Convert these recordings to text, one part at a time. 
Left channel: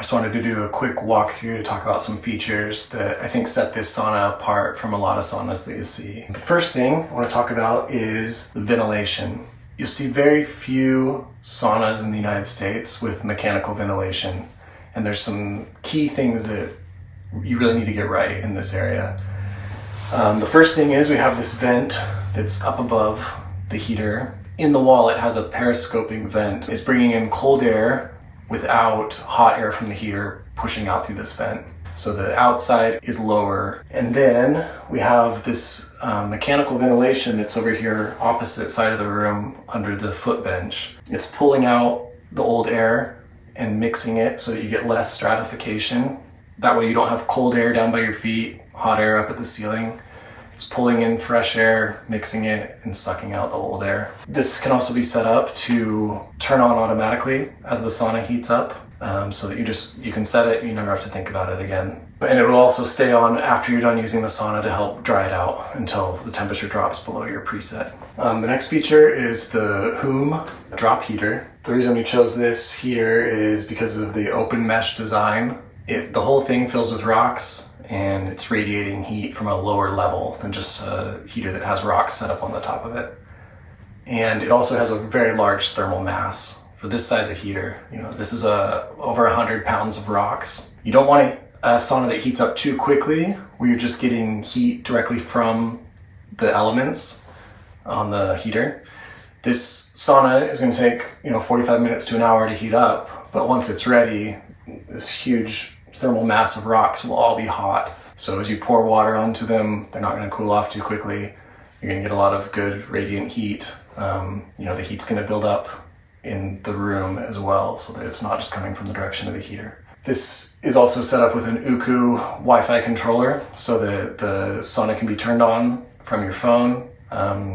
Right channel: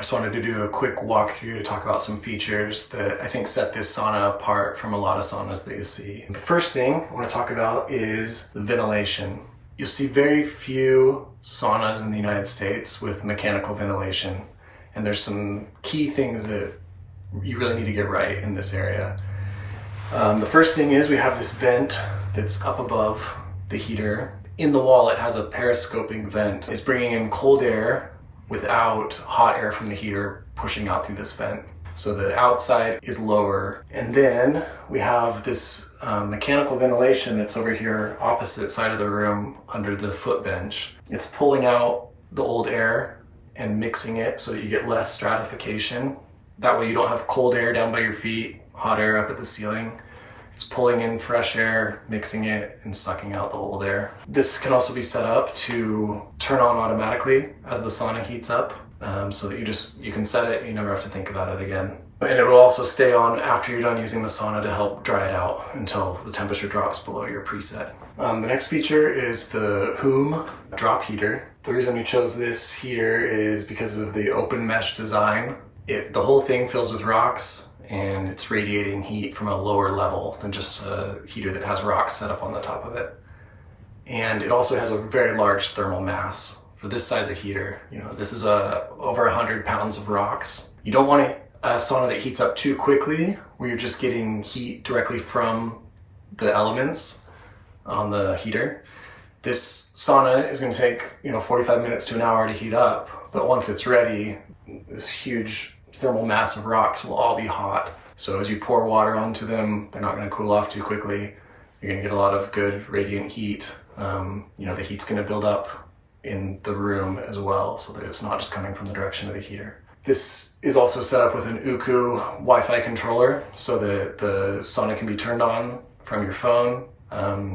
just wanted to do a quick walkthrough to talk about some features that I think set this sauna apart from a lot of saunas that you see. The first thing I want to talk about is the ventilation. You'll see very few saunas in the United States with mechanical ventilation, and there's some key things that you really need to get right in this area. The first thing is we have this vent that's up above the heater. In the wall, it has a periscoping vent. It's bringing in cold air without hot air from the heater pushing out through this vent. So the outside is lower. And then we have this mechanical ventilation that's over here opposite side of the room under the foot bench. It's pulling out the old air and mixing it so that you get less stratification. That way you don't have cold air down by your feet, hot air up at the ceiling. It's pulling in fresh air, mixing it, and sucking out the old air. This can also be set up to turn on automatically as the sauna heats up, so that you can set it, you never have to think about it again. And it will also stay on after you're done using the sauna to help dry it out until the temperature drops below your preset. The next feature is the Hume drop heater. The reason we chose this heater is because of the open mesh design. The whole thing fills with rocks, and it's radiating heat from a lower level than just a heater that has rocks set up on the top of it. And it also has a very large thermal mass. For this size of heater, this is over 100 pounds of rocks. You don't want a sauna that heats up too quickly, where you're just getting heat directly from the elements on the heater. This sauna is going to take 45 minutes to an hour to heat up, but once it's ready, this huge thermal mass of rocks will all be hot. So as you pour water onto them, they're not going to cool off too quickly. You're going to get a lot of good radiant heat. The heat's going to build up in the room as well, so that it's not just coming from the direction of the heater. This is also set up with an Uku Wi-Fi controller, so that the sauna can be turned on from your phone.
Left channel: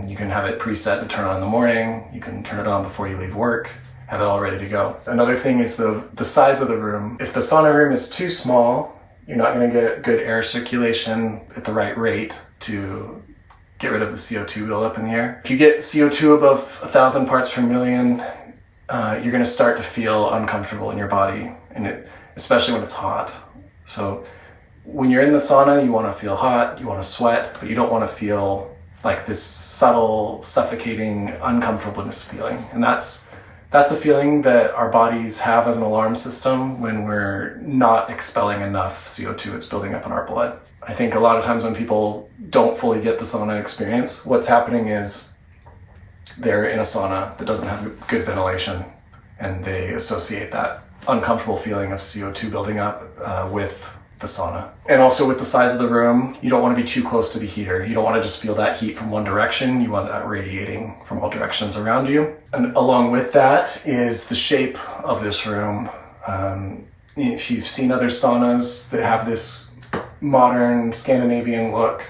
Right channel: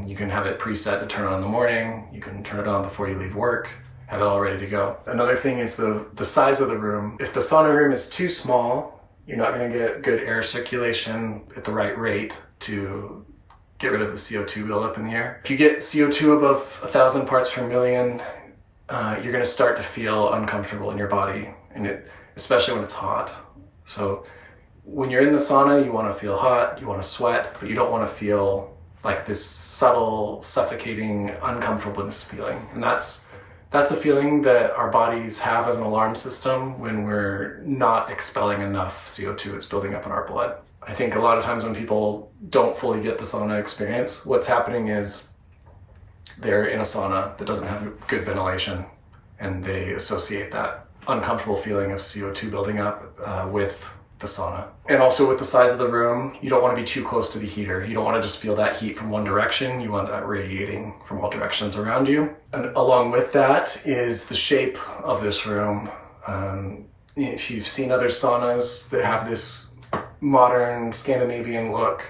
You can have it preset to turn on in the morning. You can turn it on before you leave work. Have it all ready to go. Another thing is the size of the room. If the sauna room is too small, you're not going to get good air circulation at the right rate to get rid of the CO2 buildup in the air. If you get CO2 above 1,000 parts per million, you're going to start to feel uncomfortable in your body, and especially when it's hot. So when you're in the sauna, you want to feel hot, you want to sweat, but you don't want to feel like this subtle, suffocating uncomfortableness feeling. And that's a feeling that our bodies have as an alarm system when we're not expelling enough CO2 that's building up in our blood. I think a lot of times when people don't fully get the sauna experience, what's happening is they're in a sauna that doesn't have good ventilation, and they associate that uncomfortable feeling of CO2 building up with the sauna. And also with the size of the room, you don't want to be too close to the heater. You don't want to just feel that heat from one direction. You want that radiating from all directions around you. And along with that is the shape of this room. If you've seen other saunas that have this modern Scandinavian look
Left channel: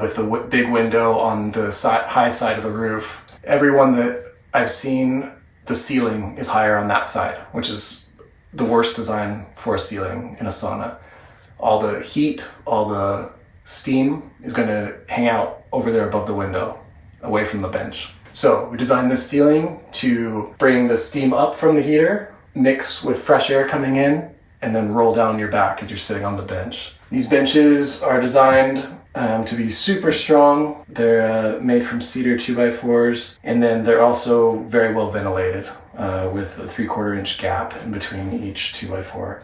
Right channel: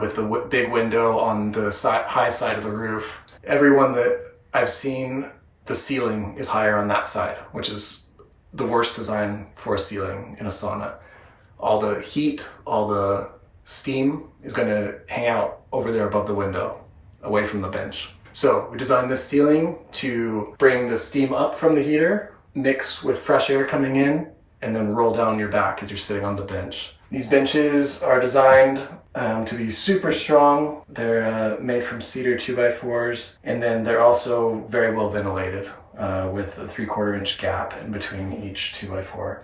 with the big window on the high side of the roof, everyone that I've seen, the ceiling is higher on that side, which is the worst design for a ceiling in a sauna. All the heat, all the steam is going to hang out over there above the window, away from the bench. So we designed this ceiling to bring the steam up from the heater, mix with fresh air coming in, and then roll down your back as you're sitting on the bench. These benches are designed to be super strong. They're made from cedar 2x4s, and then they're also very well ventilated with a 3/4 inch gap in between each 2x4.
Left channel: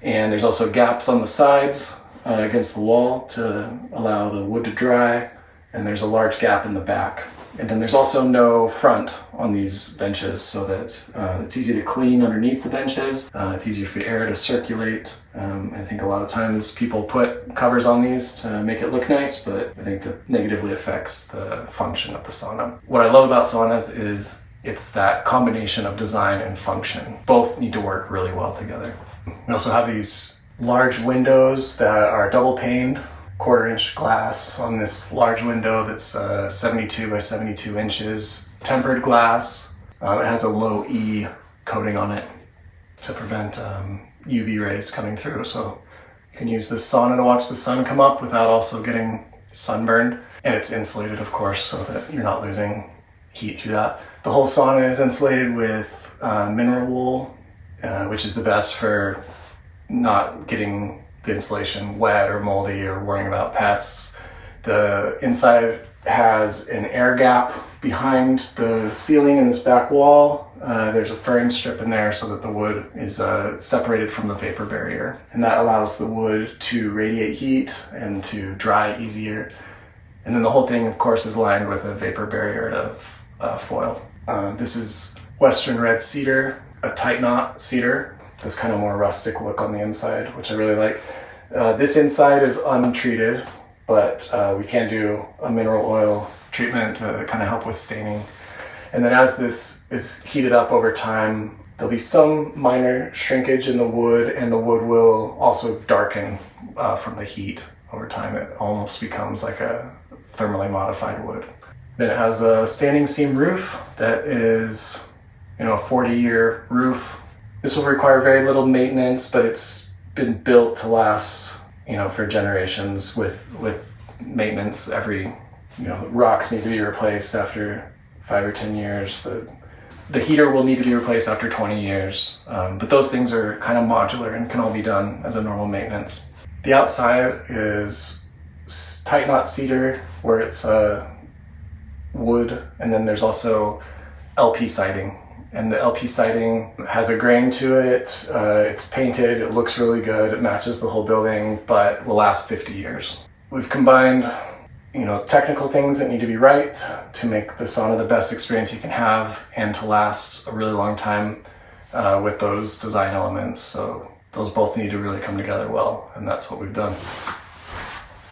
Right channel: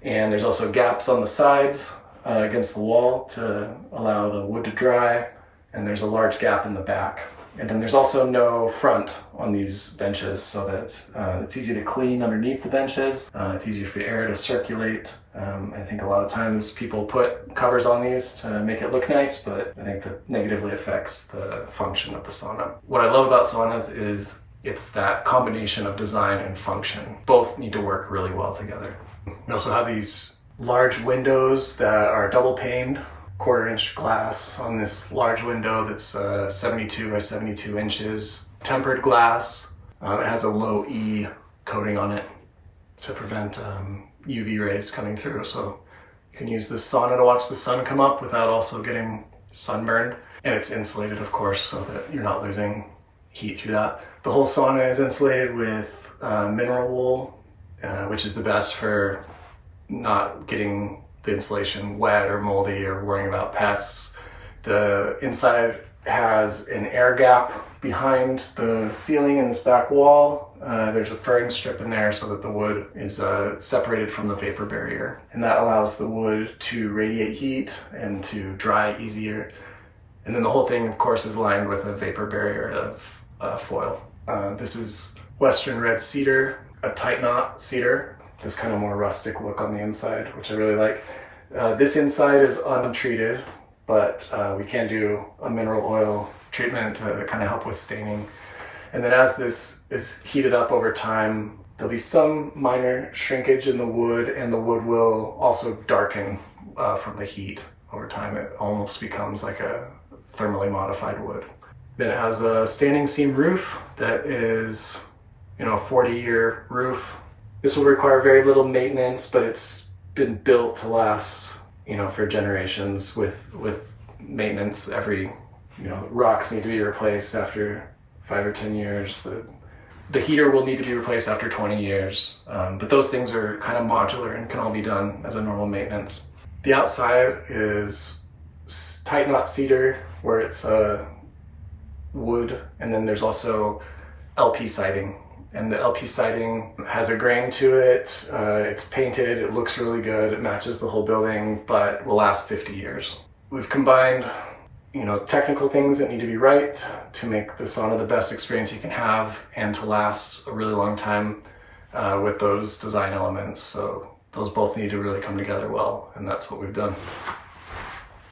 And there's also gaps on the sides against the wall to allow the wood to dry, and there's a large gap in the back. And then there's also no front on these benches, so that it's easy to clean underneath the benches. It's easier for air to circulate. I think a lot of times people put covers on these to make it look nice, but I think that negatively affects the function of the sauna. What I love about saunas is it's that combination of design and function. Both need to work really well together. We also have these large windows that are double paned, 1/4 inch glass on this large window that's 72 by 72 inches. Tempered glass. It has a low E coating on it to prevent UV rays coming through. So you can use this sauna to watch the sun come up without also getting sunburned. And it's insulated, of course, so that you're not losing heat through that. The whole sauna is insulated with mineral wool, which is the best for not getting the insulation wet or moldy or worrying about pests. The inside has an air gap behind the ceiling in this back wall. There's a furring strip in there so that the wood is separated from the vapor barrier. And that allows the wood to radiate heat and to dry easier. And then the whole thing, of course, is lined with a vapor barrier of foil. This is Western red cedar, a tight knot cedar. This kind of more rustic look on the inside, which I really like. This inside is untreated, but we can do a mineral oil treatment to kind of help with staining. And then as this is heated up over time, there'll be some minor shrinkage in the wood, and the wood will also darken from the heat over time. It almost becomes like a thermally modified wood. Then it has a standing seam roof that is, a 40-year roof. This will require very little maintenance, but it's been built to last, for generations with maintenance. Every, rocks need to be replaced after 5 or 10 years. The heater will need to be replaced after 20 years. But those things are kind of modular and can all be done as a normal maintenance. The outside is tight knot cedar where it's wood, and then there's also LP siding. And the LP siding has a grain to it. It's painted, it looks really good, it matches the whole building, but will last 50 years. We've combined, technical things that need to be right to make the sauna the best experience you can have and to last a really long time with those design elements. So those both need to really come together well, and that's what we've done.